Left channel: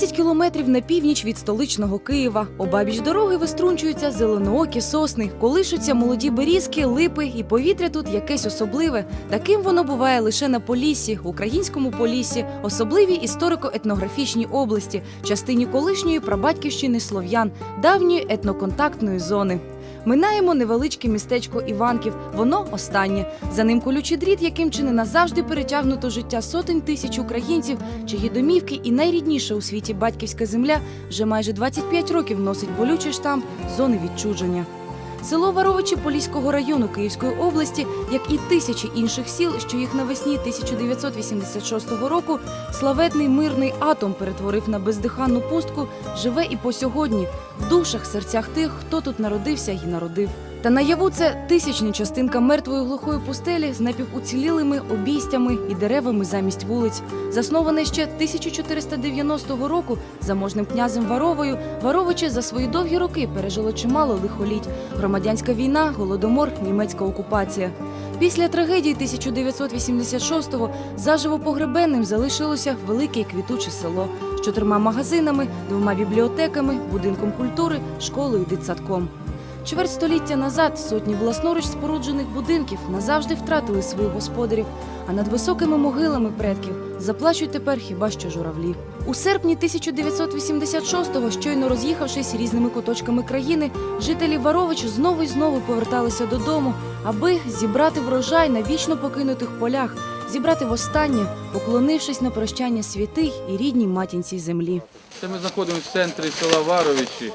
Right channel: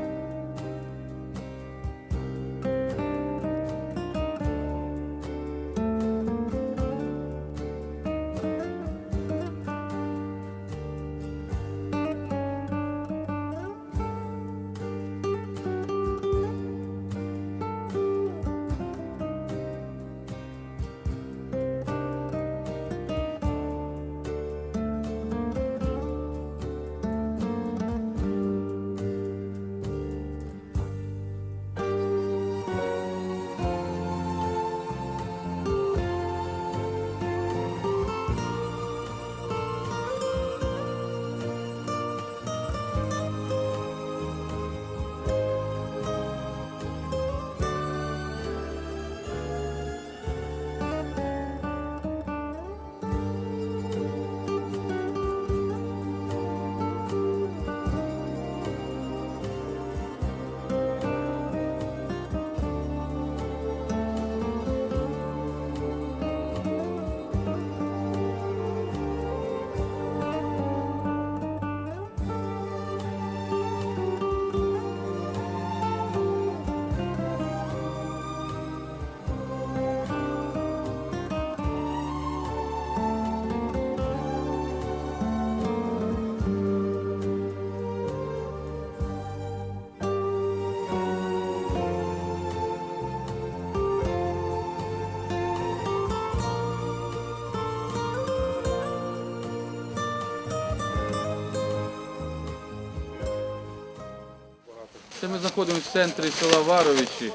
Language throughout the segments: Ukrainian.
10 кілометрів на північ від столичного Києва. Обабіч дороги виструнчуються зеленоокі сосни, колишуться молоді берізки, липи, і повітря тут якесь особливе. Таким воно буває лише на Поліссі, українському Поліссі, особливій історико-етнографічній області, частині колишньої прабатьківщини слов'ян, давньої етноконтактної зони. Минаємо невеличке містечко Іванків. Воно останнє. За ним колючий дріт, яким чи не назавжди перетягнуто життя сотень тисяч українців, чиї домівки і найрідніша у світі батьківська земля вже майже 25 років носить болючий штамп зони відчуження. Село Варовичі Поліського району Київської області, як і тисячі інших сіл, що їх навесні 1986 року славетний мирний атом перетворив на бездиханну пустку, живе і по сьогодні в душах, серцях тих, хто тут народився і народив. Та наяву це тисячна частинка мертвої глухої пустелі з напівуцілілими обійстями і деревами замість вулиць. Засноване ще 1490 року заможним князем Варовою, Варовичі за свої довгі роки пережило чимало лихоліть. Громадянська війна, голодомор, німецька окупація. Після трагедії 1986-го заживо погребенним залишилося велике квітуче село з чотирма магазинами, двома бібліотеками, будинком культури, школою, дитсадком. Чверть століття назад сотні власноруч споруджених будинків назавжди втратили своїх господарів, а над високими могилами предків заплачуть тепер хіба що журавлі. У серпні 1986-го, щойно роз'їхавшись різними куточками країни, жителі Варовичу знову і знову поверталися додому, аби зібрати врожай на вічно покинутих полях, зібрати востаннє, поклонившись на прощання святий і рідній матінці землі. Це ми знаходимося в центрі села Варовичі,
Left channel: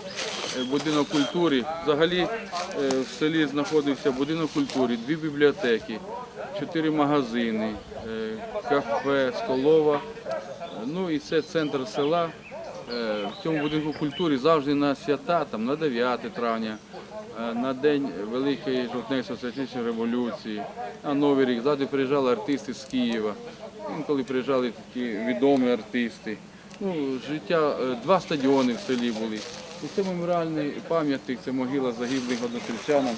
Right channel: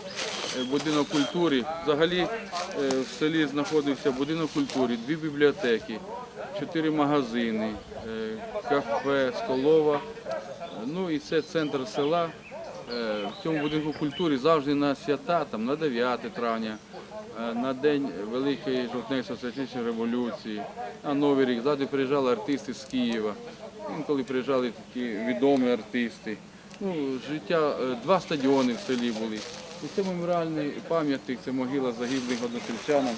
е, будинок культури. Взагалі е, в селі знаходився будинок культури, дві бібліотеки, чотири магазини, е, кафе, столова. Ну і це центр села. В цьому будинку культури завжди на свята, там, на 9 травня, на День Великої жовтневої соціалістичної революції, на Новий рік. Завжди приїжджали артисти з Києва. Інколи приїжджали такі відомі артисти. Ну, життя, е, два стадіони в селі були. І це меморіальний пам'ятник, це могила загиблих односельчанам.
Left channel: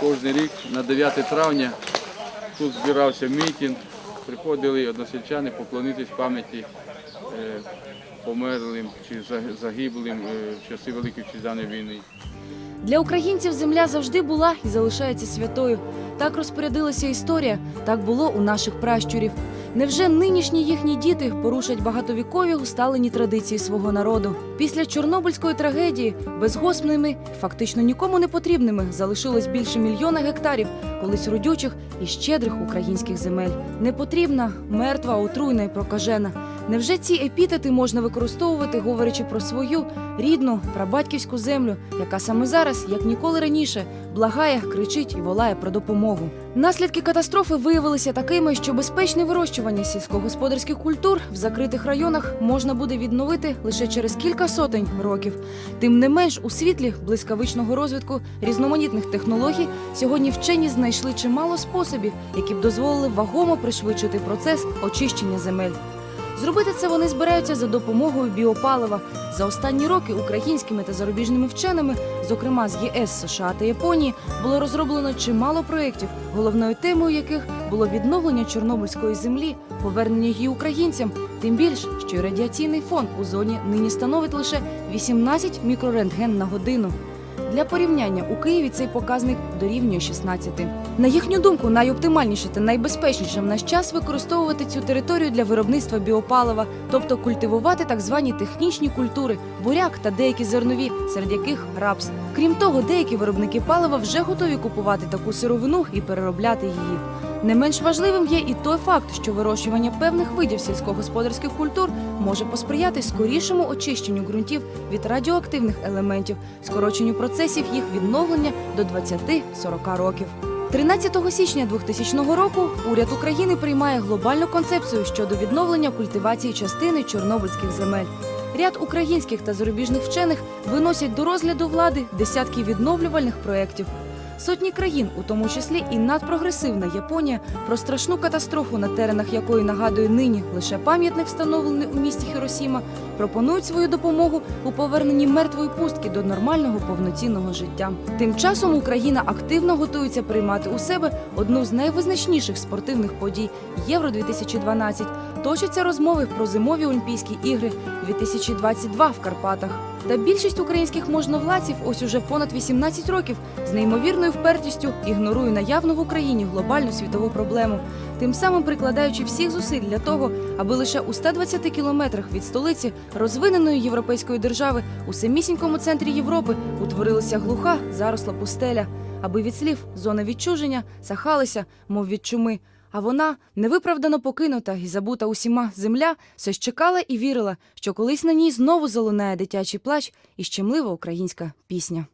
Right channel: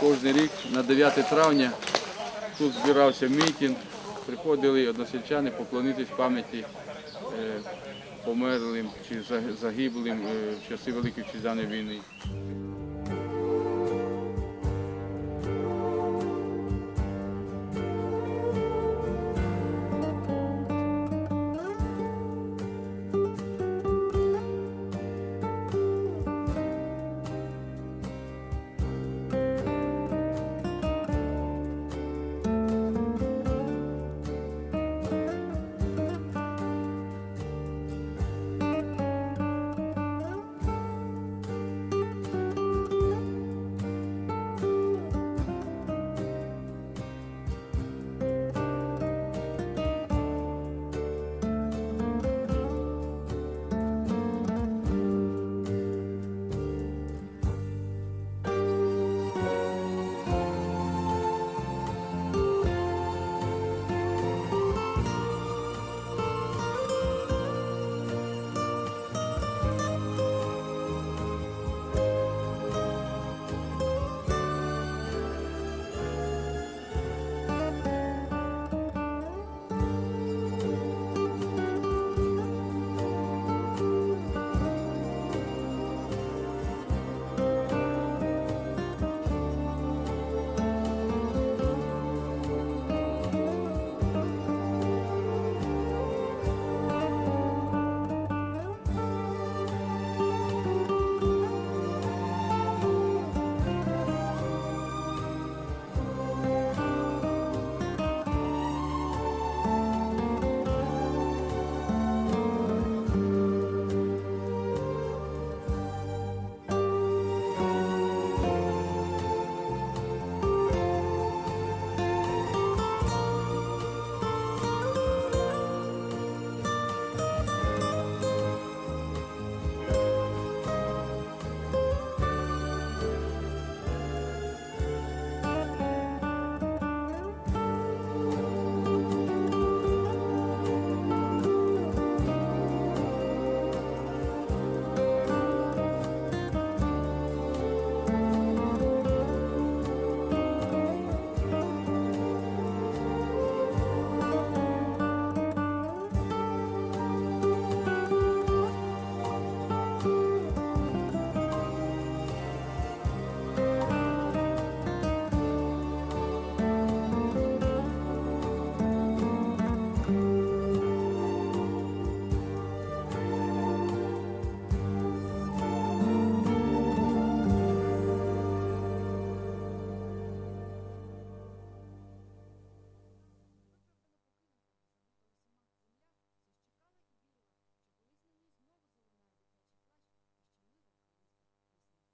Кожен рік на 9 травня тут збирався мітинг, приходили односельчани поклонитись пам'яті е, померлим чи загиблим е, в часи Великої Вітчизняної війни. Для українців земля завжди була і залишається святою. Так розпорядилася історія, так було у наших пращурів. Невже нинішні їхні діти порушать багатовікові усталені традиції свого народу? Після Чорнобильської трагедії безгоспними, фактично нікому не потрібними, залишилось більше мільйона гектарів колись родючих і щедрих українських земель. Непотрібна, мертва, отруйна і прокажена. Невже ці епітети можна використовувати, говорячи про свою рідну прабатьківську землю, яка саме зараз, як ніколи раніше, благає, кричить і волає про допомогу? Наслідки катастрофи виявилися такими, що безпечне вирощування сільськогосподарських культур в закритих районах можна буде відновити лише через кілька сотень років. Тим не менш, у світлі блискавичного розвитку різноманітних технологій сьогодні вчені знайшли чимало способів, які б дозволили вагомо пришвидшити процес очищення земель. Зробити це вони збираються за допомогою біопалива. За останні роки українськими та зарубіжними вченими, зокрема з ЄС, США та Японії, було розроблено чимало проєктів, головною темою яких було відновлення Чорнобильської землі, повернення її українцям. Тим більше, що радіаційний фон у зоні нині становить лише 18 мікрорентген на годину. Для порівняння у Києві цей показник дорівнює 16. На їхню думку, найоптимальніше та найбезпечніше в наш час використовувати цю територію для виробництва біопалива, тобто культивувати так звані технічні культури, буряк та деякі зернові, серед яких рапс. Крім того, деякі виробники палива вже готові купувати таку сировину і переробляти її. Не менш важливим є і той факт, що вирощування певних видів сільськогосподарських культур може посприяти скорішому очищенню ґрунтів від радіоактивних елементів, скороченню процесів їх відновлення до 20-40 років. 13 січня 2000 року уряд України приймає глобальну концепцію щодо відновлення культивації частини чорнобильських земель. Ряд українських та зарубіжних вчених виносять до розгляду влади десятки відновлювальних проєктів. Сотні країн, у тому числі і надпрогресивна Японія, про страшну катастрофу, на теренах якої нагадує нині лише пам'ятник, встановлений у місті Хіросіма, пропонують свою допомогу у поверненні мертвої пустки до нормального повноцінного життя. Тим часом Україна активно готується приймати у себе одну з найвизначніших спортивних подій Євро 2012 точаться розмови про зимові Олімпійські ігри 2022 в Карпатах. Та більшість українських можновладців ось уже понад 18 років з неймовірною впертістю ігнорує наявну в Україні глобальну світову проблему, тим самим прикладаючи всіх зусиль для того, аби лише у 120 кілометрах від столиці розвиненої європейської держави у самісінькому центрі Європи утворилася глуха заросла пустеля, аби від слів зони відчуження сахалися, мов від чуми. А вона, невиправдано покинута і забута усіма земля, все ж чекала і вірила, що колись на ній знову залунає дитячий плач і щемлива українська пісня.